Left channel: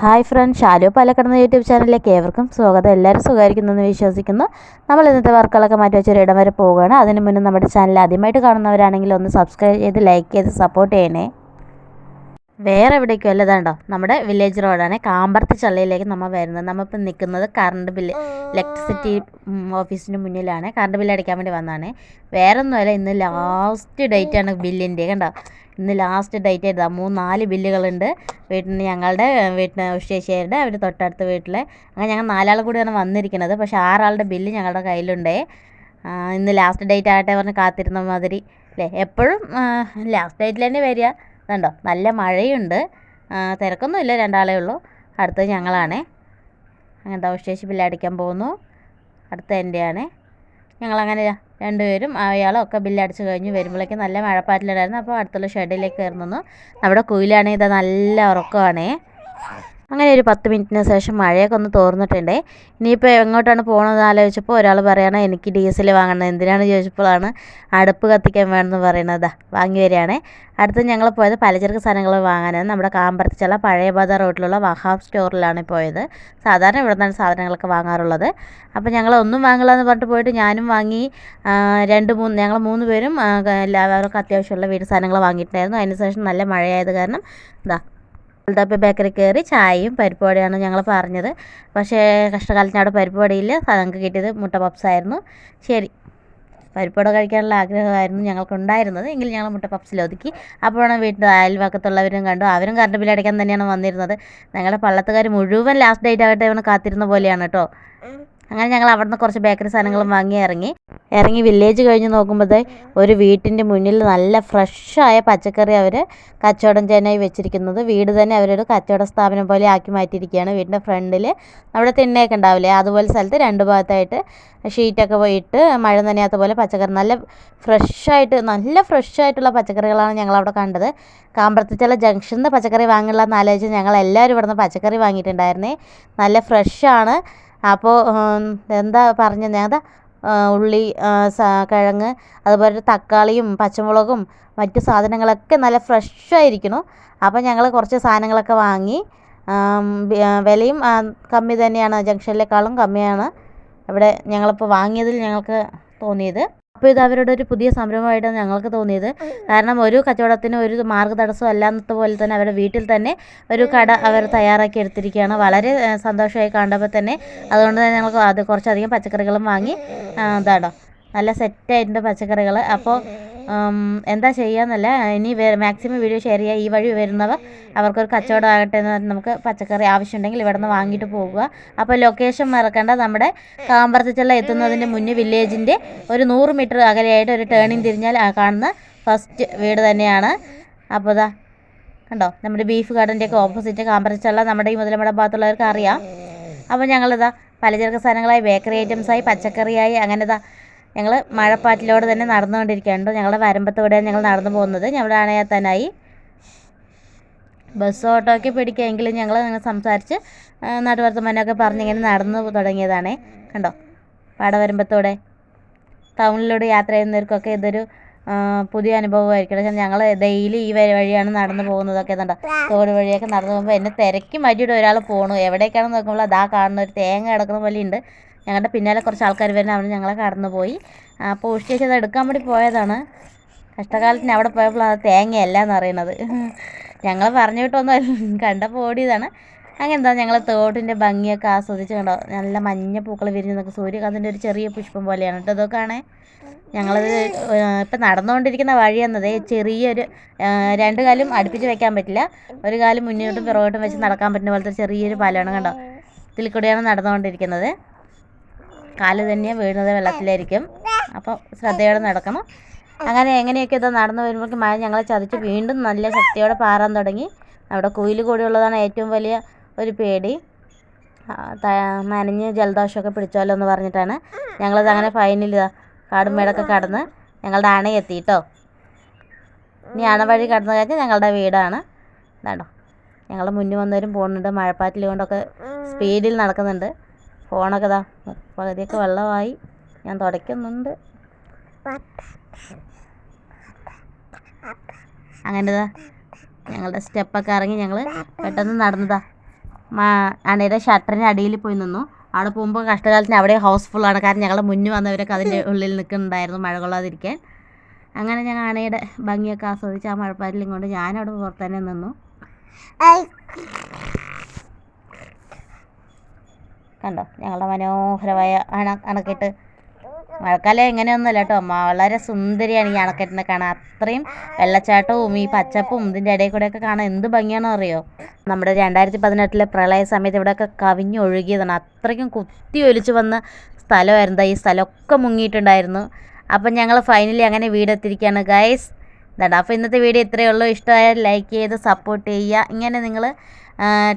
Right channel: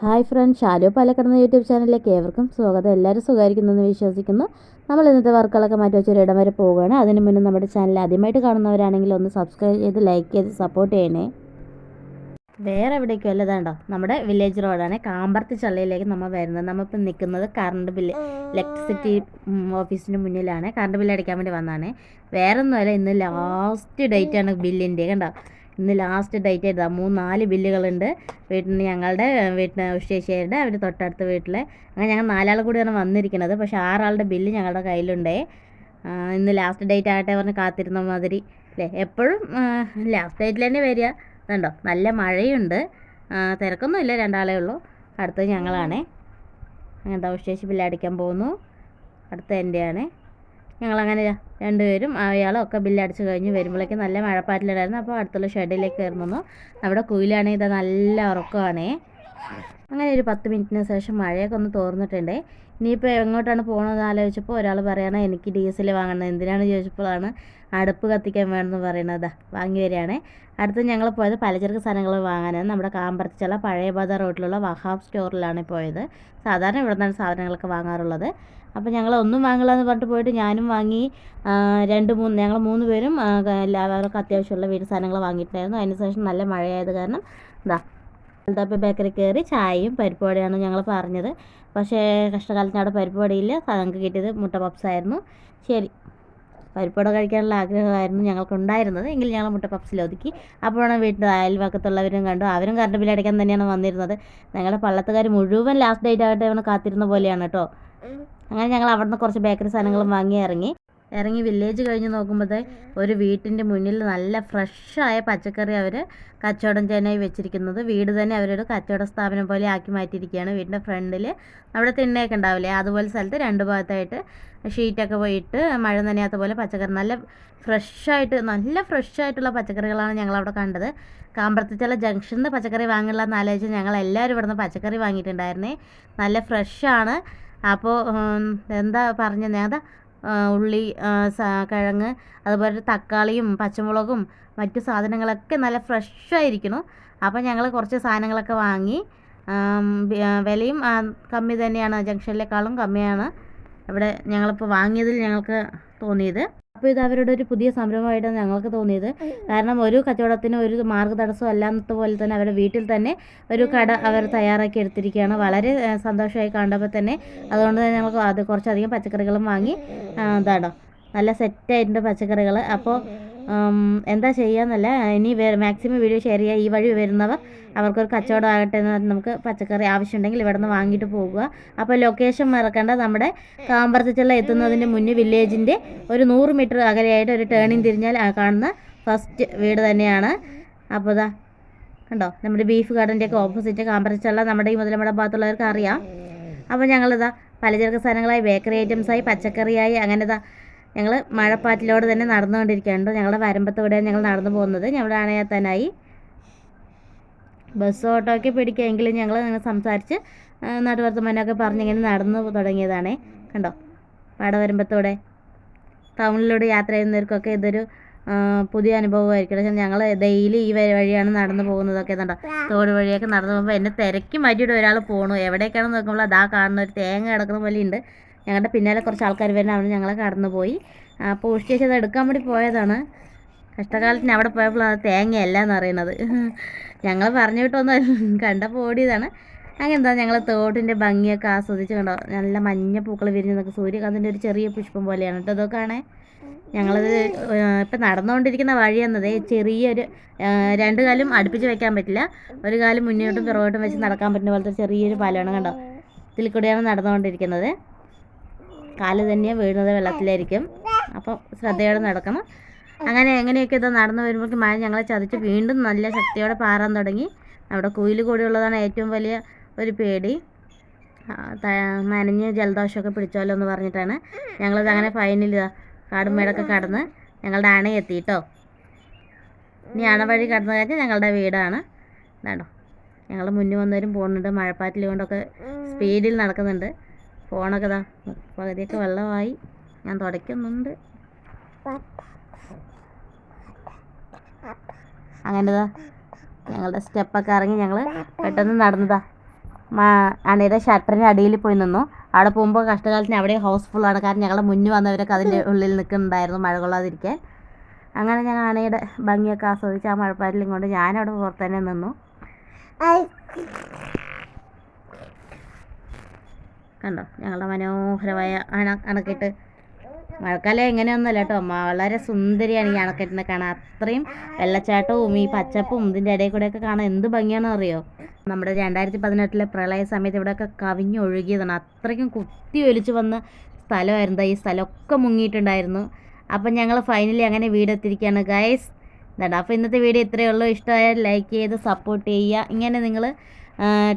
Hi friend Shalu പാലക്കടന്ന YouTube ചാനലിലേക്ക് ഏവർക്കും സ്വാഗതം. എല്ലാവരും സുഖമായിരിക്കുന്നെന്ന് വിശ്വസിക്കുന്നു. നമ്മൾ ഇന്നത്തെ വർക്കുകളൊക്കെ മാറ്റി വെച്ചൊരു ഇടം വരെ പോവുകയാണ്. അതിന് മുന്നേ നമ്മുടെ ചാനൽ ആദ്യമായിട്ട് കാണുന്നവരാണെങ്കിൽ ഒന്ന് സബ്സ്ക്രൈബ് ചെയ്ത് ലൈക്ക് ചെയ്ത് സപ്പോർട്ട് ചെയ്യണേ. വേറെ എവിടേക്കും അല്ല ഇതാണ്ടോ? നമ്മുടെ വില്ലേജ് റോഡാണ്. കാമ്പർത്തി ചള്ളയിലേക്ക് നമ്മൾ വരുന്നത്. നമ്മളിപ്പോൾ നിൽക്കുന്നത് കറണ്ട് ബില്ല് ഇലക്ട്രിസിറ്റി ഓഫീസിന് മുന്നിലാണ്. കറണ്ട് ബില്ല് അടിക്കാൻ വേണ്ടി വന്നതാണ്. വേറെ ഒന്നുമല്ല ഇന്ന് ലാസ്റ്റ് ഡേറ്റാണ് ബില്ലിന്റെ. കണ്ടോ? ഇന്ന് ലാസ്റ്റ് ഡേറ്റ് ആയിരുന്നു. മൂന്ന് നാല് ബില്ലുകളുണ്ട് വീട്ടിൽ ഞങ്ങളുടെ വീട്ടിൽ ഉഷേശ്ശേരിയുടെ അവർ തൊട്ടടുത്ത വീട്ടിലെ. അങ്ങനെ ഞങ്ങൾ നാലാൾ കൂടിയാണ് വന്നിരിക്കുന്നത്. പക്ഷേ ആറാളുടെ ബില്ല് ഞങ്ങളുടെ കയ്യിലുണ്ട്. ഇന്ന് ലാസ്റ്റ് ഡേറ്റ് ആകട്ടെ പറഞ്ഞ് കാത്തിരുന്ന മാതിരി. അല്ലേ എപ്പോഴും ലാസ്റ്റ് ഡേറ്റിൽ തന്നെ വരിക. കണ്ടോ? നല്ല മഴയുണ്ട്. തിരക്കൊന്നും തിരക്കൊന്നുമില്ല രണ്ടാളേ ഉള്ളൂ. അടുത്തത് ഞങ്ങളാണേ. അങ്ങനത്തെ ഉഷേശ്ശി ബില്ല് അടിക്കാൻ പോകുന്നു. അടുത്ത എന്റെയാണ് ഞങ്ങളങ്ങനെ രണ്ടുപേരും അയാളും ഒക്കെ ബില്ലടിച്ച് കഴിഞ്ഞ് വരുമ്പോഴേക്കും നല്ല മഴപ്പാറ്റിലുണ്ടായിരുന്നു. അപ്പോൾ അടുത്തുള്ള ഷെഡിലേക്ക് കയറുന്നു. അവിടെ കുയിലാണെങ്കിൽ ഇതാ നല്ല ഉറക്കമാണേ. അങ്ങനെ ഒരു പത്ത് മിനിറ്റിന് ശേഷം മഴയൊക്കെ ഒന്ന് തോർന്നിട്ടുണ്ടേ. ഇനിയിപ്പോൾ എങ്ങോട്ടാണ് പോകണമെന്ന് ആലോചിച്ചപ്പോൾ ഒരാൾ പറയണം എനിക്ക് ഡീസൽ വാങ്ങണം. എന്തിനാണ്? ചോദിച്ചപ്പോഴാണ് അടുപ്പ് കത്തിക്കാൻ വേണമെന്ന് പറയുന്നത് ദാ വാങ്ങി വരികയാണേ. അടുത്ത് ഞങ്ങൾ പോയത് പലചരക്ക് സാധനങ്ങൾ വാങ്ങാനാണ്. നമ്മുടെ കാമ്പറത്തിച്ചുള്ള പഴയ ബാധ റോട്ടിലുള്ള വഹാബ് സ്റ്റോറിലാണ് പോയത്. സാധാരണ ഇവിടെ നിന്നാണ് സാധനങ്ങളൊക്കെ വാങ്ങാറുള്ളത്. അപ്പോൾ ഞങ്ങൾ ഒന്നും വാങ്ങില്ല എന്ന് പറഞ്ഞിട്ട് പോയിട്ട് ഞാനും വാങ്ങി രണ്ട് മൂന്ന് ഞങ്ങൾ മൂന്ന് പേരും എല്ലാവർക്കും അത്യാവശ്യമുള്ള വീട് സാധനങ്ങൾ വാങ്ങിയിട്ടുണ്ടായിരുന്നു. അതിന് ശേഷം നല്ല മഴയായത് കാരണം ഇതാ ഗോൾഡാപ്പി ബേക്കറി കയറി ചായയും പരിപ്പ് വടയാണ് ഞങ്ങൾ പറഞ്ഞത്. പക്ഷേ കഷ്ടകാലത്തിന് അവിടെ പരിപ്പ് വടയില്ല ഞങ്ങൾക്ക് കിട്ടിയത് മുട്ട പപ്സ് ആയിരുന്നു. ശരി. പരിപ്പുവട കഴിക്കാനുള്ള ആഗ്രഹമായിരുന്നു ഞങ്ങൾക്കുണ്ടായിരുന്നത് എങ്കിൽ ഞങ്ങൾ മുട്ട പപ്സിൽ ഒതുക്കി. അപ്പോഴാണ് വീട്ടിൽ അയൽവക്കത്തുള്ളവരും കണ്ടു. അവരും കറണ്ട് ബില്ല് അടയ്ക്കാൻ തന്നെയാണ് വന്നിരുന്നത്. ഞങ്ങളുടെ പള്ളത്തുകാർ മുഴുവൻ ലാസ്റ്റ് ഡേറ്റ് ആയിട്ട് അവന് കാത്തിരുന്ന പോലെയാണ് കേട്ടോ. അങ്ങനെ ഞങ്ങൾ അവിടെ നിന്ന് കുറച്ച് ബേക്കറി സാധനങ്ങളും വാങ്ങി ഇറങ്ങി. ഇറങ്ങി വില്ലേജ് കഴിഞ്ഞ് നോക്കുമ്പോഴത്തേ ഒരു വീട്ടിന്റെ മുന്നിൽ നല്ല ഫ്രഷായ പച്ചക്കറി അവർ കച്ചവടം ചെയ്യാനായി വെച്ചിരിക്കുന്നത്. വീട് തന്നെ അവരൊരു കച്ചവട സ്ഥാപനം പോലെ ആക്കി മാറ്റിയിരിക്കുകയാണ് വീടിന്റെ ഫ്രണ്ടിൽ അവിടെ തിണ്ണയൊക്കെ ഉണ്ടാവില്ലേ? അതുപോലെ സ്ഥലത്ത് രണ്ട് ഭാഗത്തായിട്ട് ഷീറ്റൊക്കെ പോയിട്ട് മഴ നനയാത്ത പോലെ പച്ചക്കറി. നല്ല ഫ്രഷായിട്ട് നല്ല ഫ്രഷായിട്ടുള്ള പച്ചക്കറികളാണ് ഞങ്ങളവിടെ കണ്ടത്. കാമ്പറത്തിച്ചുള്ള ജംഗ്ഷനിൽ പച്ചക്കറി വാങ്ങില്ല എന്നാലോചിച്ച് ഞങ്ങൾ എല്ലാവരും ഇവിടുന്ന് പച്ചക്കറി വാങ്ങിയിട്ടുണ്ടായിരുന്നേ. നല്ല ഫ്രഷാണ് അപ്പോൾ എന്താ പറഞ്ഞത് അതാ ഉള്ളി കിഴങ്ങ് അതുപോലെ തക്കാളിയും പച്ചമുളകും മറ്റു സാധനങ്ങളൊക്കെ നല്ല ഫ്രഷ് ഫ്രഷായിരിക്കുന്നു അപ്പോൾ ഞങ്ങൾ കുറച്ച് സാധനങ്ങളൊക്കെ വാങ്ങി വിലയും കമ്മി തന്നെയാണ് ജംഗ്ഷനിലേക്കാളും കമ്മിയാണ്. ഇവിടെ ഞങ്ങളിപ്പോൾ വാങ്ങിയതിൽ ഞങ്ങൾക്ക് തോന്നിയത്. അപ്പോൾ ഇത് അവരുടെ ഒരു പുതിയ സംരംഭമായിട്ടാണ് ഞങ്ങൾക്ക് തോന്നിയത്. കാരണം ഒരു കച്ചവടത്തിന് ഒരു മാർഗ തടസ്സം അല്ലാത്ത പോലെ തന്നെ അവരുടെ വീട്ടിൽ തന്നെ ഒരു കട അവർ തയ്യാറാക്കി എടുത്തിരിക്കുകയാണ്. വളരെ സന്തോഷമായി കണ്ടപ്പോൾ തന്നെ അതുകൊണ്ട് തന്നെ ഞങ്ങൾക്ക് അത് കുറച്ചധികം പച്ചക്കറികളും വാങ്ങി ഇതാണോ നല്ല സെറ്റായിട്ടുണ്ട് പച്ചക്കറികൾ. അപ്പോൾ എന്താ ചെയ്യാന്നല്ല ഇനി മാക്സിമം വീഡിയോ ഷെയർ ചെയ്യുക ഈ വഴി വരുന്നവർ അവർക്കൊരു കച്ചവടം ആകട്ടെ എന്ന് പറഞ്ഞ് നമുക്ക് പച്ചക്കറി ആവശ്യമുണ്ടെങ്കിൽ ഇവിടെ നിന്ന് വാങ്ങിയിട്ട് പോകുക. അപ്പോൾ ലൊക്കേഷൻ മറക്കേണ്ട. നമ്മുടെ കാമ്പർത്തിച്ചുള്ള എത്തുന്നതിന് മുന്നേ വില്ലേജിന്റെ ഒരു നൂറ് മീറ്റർ അകലെയായിട്ട് ഒരു ടേണിങ് തിരിഞ്ഞാൽ കാണുന്ന ഫസ്റ്റ് വീട് തന്നെയാണ്. അപ്പോൾ ഇതാ കണ്ടോ? നമ്മുടെ ബീഫ് ഗാർഡന്റെ ഒക്കെ ഓപ്പോസിറ്റ് കാമ്പറിച്ചുള്ള നമ്മുടെ ഈ മുതലമട ഭാഗത്തുള്ളവർക്ക് അറിയാം. അപ്പോൾ ഞങ്ങളിതാ പലചരക്ക് സാധനങ്ങളായി ബേക്കറി ഐറ്റംസായി പച്ചക്കറിയായി അങ്ങനെ ഇതാ ഞങ്ങൾ മഴപ്പാറ്റിലൂടെ തന്നെ നടന്നുകൊണ്ടിരിക്കുകയാണ്. ഞങ്ങളുടെ വരമ്പത്തൂടെയാണ് ഞങ്ങൾ നടന്നു പോകുന്നത്. ഞങ്ങളുടെ അണയത്താനായി ബസ് ഓട്ടോ ഒക്കെ പിടിക്കുമെങ്കിലും ഞങ്ങൾ അങ്ങനെ സംസാരിച്ച് നാട്ടുവർത്തമാനമൊക്കെ പറഞ്ഞ് ഇങ്ങനെ നടന്നു തുടങ്ങിയതാണേ. കണ്ടോ? പാടവരമ്പത്തൂടെ ടൗണിലൂടെ യാത്ര ചെയ്യുന്നവർക്കൊക്കെ ഇതൊരു പുതിയ അനുഭവമായിരിക്കും. പക്ഷേ ഞങ്ങൾ ഡെയിലി ഈ വഴി വഴിയാണ് നടന്നു പോകുന്നതൊക്കെ കണ്ടോ? തോട് വഴിയൊക്കെ നടന്നു പോകുമ്പോൾ എന്നെ തിരക്കി മാറ്റിയിട്ട് ഒരാൾ പോണു. എവിടേക്കാണെന്ന് നോക്കുമ്പോൾ അതാ കാണുന്ന ഒരു തേങ്ങ കിടക്കുന്ന പോലെ ഉണ്ട് ഞങ്ങളുടെ പിന്നാലെ കുറച്ച് ആൾക്കാർ വരുന്ന. അവർ ഞങ്ങളെ കടന്നു പോയി അപ്പോൾ ഉഷ്ടിച്ച് അത് എടുക്കാൻ വേണ്ടി പോയതാണ്. കഷ്ടകാലത്തിന് അവിടെ പോയപ്പോൾ അത് തേങ്ങയല്ല എന്ന് അറിയണത് ഞങ്ങൾ പറഞ്ഞു വിട്ടൊന്നും കണ്ടപ്പോൾ ഓടിയതാണ്. അങ്ങനെന്താ ഞങ്ങൾ തോട്ടിന്റെ ഭംഗിയൊക്കെ ആസ്വദിച്ച് കണ്ടോ? നല്ല മഞ്ഞ പൂക്കൾ വിരിഞ്ഞ് നിൽക്കും സൂര്യകാന്തിന്റെ ഒരു ചെറിയ പുഷ്പം പോലെയാണ്. കേട്ടോ ഇതൊക്കെ കാണേ. ഞങ്ങളത് ഇപ്പം നടന്നുകൊണ്ടിരിക്കുന്ന വഴി എന്നത് ചെറിയൊരു രണ്ട് കാലും അടുപ്പിച്ച് വെക്കാൻ പറ്റില്ല. ഒരു കാലും മുന്നോട്ടും പിറകോട്ടും വെച്ച് നടക്കാൻ പറ്റുന്ന പോലത്തെ ചെറിയൊരു പാലമാണ് കണ്ടോ? ഇതിൽ കൂടെയാണ് നടന്നുകൊണ്ടിരിക്കുന്നത് കാൽ തന്നെ വീഴുന്നത് വെള്ളത്തിലായിരിക്കും. അപ്പോൾ ശ്രദ്ധയോടെ നടക്കണം. അങ്ങനെ എങ്ങനെയൊക്കെ ഇത് നടന്നു വരുമ്പോഴേക്കും മഴ ഞങ്ങളെ ചതിച്ച് വീണ്ടും നല്ല ശക്തിയോടെ പാറാൻ തുടങ്ങി. അവിടെ കുയിൽ കൂടിയുള്ളതാണ് ഏറ്റവും വലിയ ഒരു പേടി. നനഞ്ഞ് ജലദോഷമൊക്കെ പിടിച്ചോലോ എന്ന് പറഞ്ഞിട്ടാണ് ഞങ്ങളത് അങ്ങനെ ഫൈനൽ കാടുമേടൊക്കെ കാടും മേടൊക്കെ കടന്ന് ഞങ്ങളുടെ അണയെത്തി കേട്ടോ ഇനി അണ വഴി കടന്നു കഴിഞ്ഞാൽ ഞങ്ങളുടെ വീടാണ്. ഇതാണോ? ഞങ്ങൾ മുന്നിൽ വന്നവരും പോകുന്നുണ്ട്. മഴപ്പാറ്റിൽ കൊണ്ടൊക്കെ സ്പീഡിൽ നടക്കുന്നുണ്ട്. ഫോണൊക്കെ ഇതാ പകുതിയൊക്കെ വെള്ളമായി. ഞാൻ തുടയ്ക്കുന്നുണ്ട്. അങ്ങനെ ഇതാ ഞങ്ങളുടെ സ്റ്റെപ്പൊക്കെ ഇറങ്ങി ഞങ്ങൾ പെട്ടെന്ന് നടന്നതാ. അണയുടെ ഷട്ടറിന് അടിയിൽ പോയി നിന്നു. അവിടെ പോകുമ്പോൾ കഷ്ടകാലത്തിന് അവിടെ ഹൗസ്ഫുള്ളാണ് കാരണം ഞങ്ങളുടെ മുന്നിൽ വന്നവരൊക്കെ അതിന്റെ ഉള്ളിൽ നിൽക്കുന്നുണ്ടായിരുന്നു മഴ കൊള്ളാതിരിക്കാൻ. അങ്ങനെ ഞങ്ങൾ അണയുടെ ഭംഗിയൊക്കെ ആസ്വദിച്ച് ആ മഴപ്പാരിൽ കൊണ്ട് ഞാനവിടെ പുറത്ത് തന്നെ നിന്നു. കണ്ടോ? ഞങ്ങളുടെ മനോഹരമായ അണ അണക്കെട്ട്. മഴക്കാലം എങ്ങനെയൊന്നുമല്ല കേട്ടോ. വളരെ സുന്ദരിയാണ് ഈ അണക്കെട്ടിനെ കാണാൻ. അത്രയും വെള്ളച്ചാട്ടവും ഈ പച്ചപ്പും ഇതിന്റെ ഇടയിൽ കൂടെയൊക്കെ കാണാൻ എന്ത് ഭംഗിയാണെന്ന് അറിയോ? നമ്മുടെ രണ്ടായിരത്തി പതിനെട്ടിലെ പ്രളയ സമയത്ത് ഇവിടെയൊക്കെ കവിഞ്ഞൊഴുകിയതാണ് അത്രയ്ക്കും കുത്തി ഒലിച്ചു വന്ന സ്ഥലമായിരുന്നു ഈ സ്ഥലമൊക്കെ മുങ്ങിയിട്ടുണ്ടായിരുന്നു. അപ്പം ഞങ്ങൾ ഫൈനലി അങ്ങനെ വീടെത്തിരിക്കുകയാണ് ഗൈസ് ഇതാ അപ്പോൾ ഇന്നത്തെ വീഡിയോ ഇത്രയേ ഉള്ളൂ. ഇഷ്ടമായാൽ ലൈക്ക് ചെയ്ത് സപ്പോർട്ട് ചെയ്യുക. ഇങ്ങനെ നിങ്ങൾ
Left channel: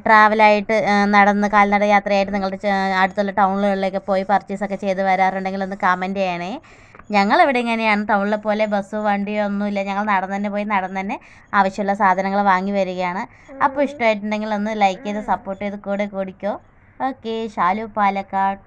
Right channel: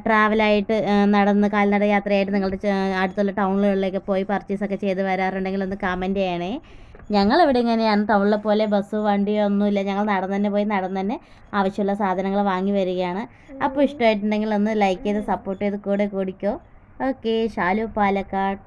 ട്രാവലായിട്ട് നടന്ന് കാൽനട യാത്രയായിട്ട് നിങ്ങളുടെ അടുത്തുള്ള ടൗണുകളിലേക്ക് പോയി പർച്ചേസൊക്കെ ചെയ്ത് വരാറുണ്ടെങ്കിൽ ഒന്ന് കമന്റ് ചെയ്യണേ. ഞങ്ങളിവിടെ ഇങ്ങനെയാണ്. ടൗണിലെ പോലെ ബസ് വണ്ടിയോ ഒന്നുമില്ല. ഞങ്ങൾ നടന്ന് തന്നെ പോയി നടന്ന് തന്നെ ആവശ്യമുള്ള സാധനങ്ങൾ വാങ്ങി വരികയാണ്. അപ്പോൾ ഇഷ്ടമായിട്ടുണ്ടെങ്കിൽ ഒന്ന് ലൈക്ക് ചെയ്ത് സപ്പോർട്ട് ചെയ്ത് കൂടെ കൂടിക്കോ. ഓക്കെ ഷാലു പാലക്കാട്.